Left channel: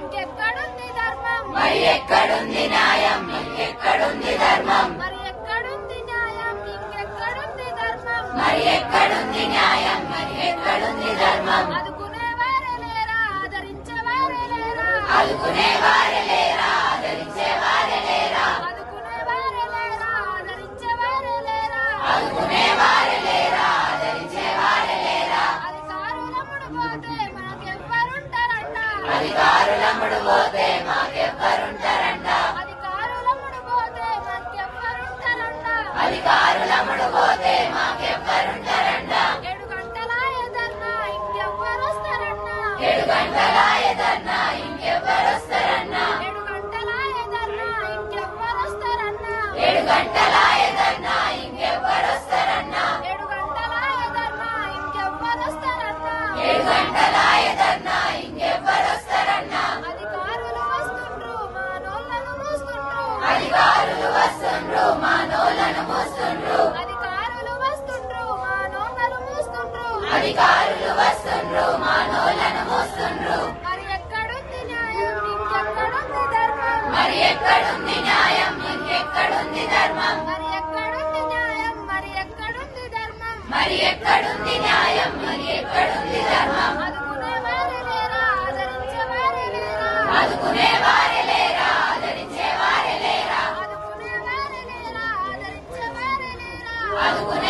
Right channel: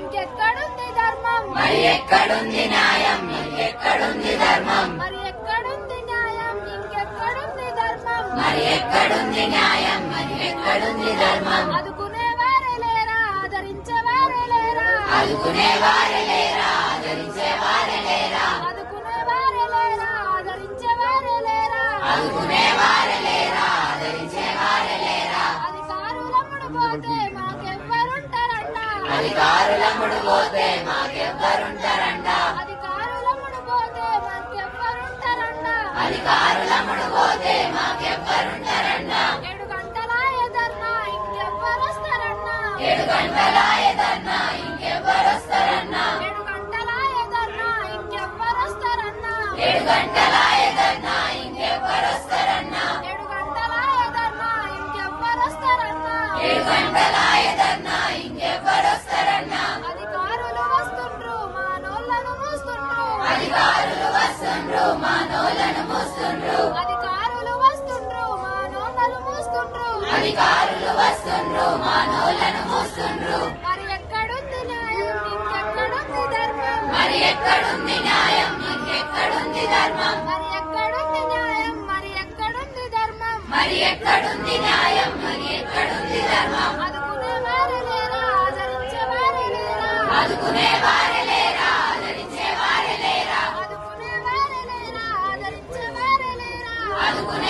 ఇంకెక్కడుంది ధర్మం? మరి ఎక్కడుంది న్యాయం? ఇంకెక్కడుంది ధర్మం? మరి ఎక్కడుంది న్యాయం? ఇంకెక్కడుంది ధర్మం? మరి ఎక్కడుంది న్యాయం? మరి ఎక్కడుంది ధర్మం? ఆదుకునేవారు లేరా? ఆదరించేవారు లేరా? ఆదుకునేవారు లేరా? ఆదరించేవారు లేరా? ఆదుకునేవారు లేరా? ఆదరించేవారు లేరా? ఆదుకునేవారు పోతే మాకెవ్వరుంటారంట. మాకెవ్వరుంటారంట. ఏడు గంటలాయ ధర్నా ఇంకెవ్వరొస్తారన్నా. ఏడు ఇంకెవ్వరొస్తారన్నా. ఏడు గంటలాయ ధర్నా ఇంకెవ్వరొస్తారన్నా ఏడు గంటలాయ ధర్నా ఇంకెవ్వరొస్తారన్నా ఏడు గంటలాయ ధర్నా ఇంకెవ్వరొస్తారన్నా అధికారులు వస్తుండ్రు మా నోళ్ళను మూస్తుండ్రు అధికారులు వస్తుండ్రు మా నోలను మోస్తుండ్రు. అధికారులు వస్తుండ్రు మా నోళ్ళను మూస్తుండ్రు. అధికారులు వస్తుండ్రు మా నోలను మోస్తుండ్రు. మరి ఎక్కడుంది న్యాయం? ఇంకెక్కడుంది ధర్మం? మరి ఎక్కడుంది న్యాయం? ఇంకెక్కడుంది ధర్మం? మరి ఎక్కడుంది న్యాయం? మరి ఎక్కడుంది ధర్మం? మరి ఎక్కడుంది న్యాయం? మరి ఎక్కడుంది ధర్మం? ఆదుకునేవారు లేరా? ఆదరించేవారు లేరా? ఆదుకునేవారు con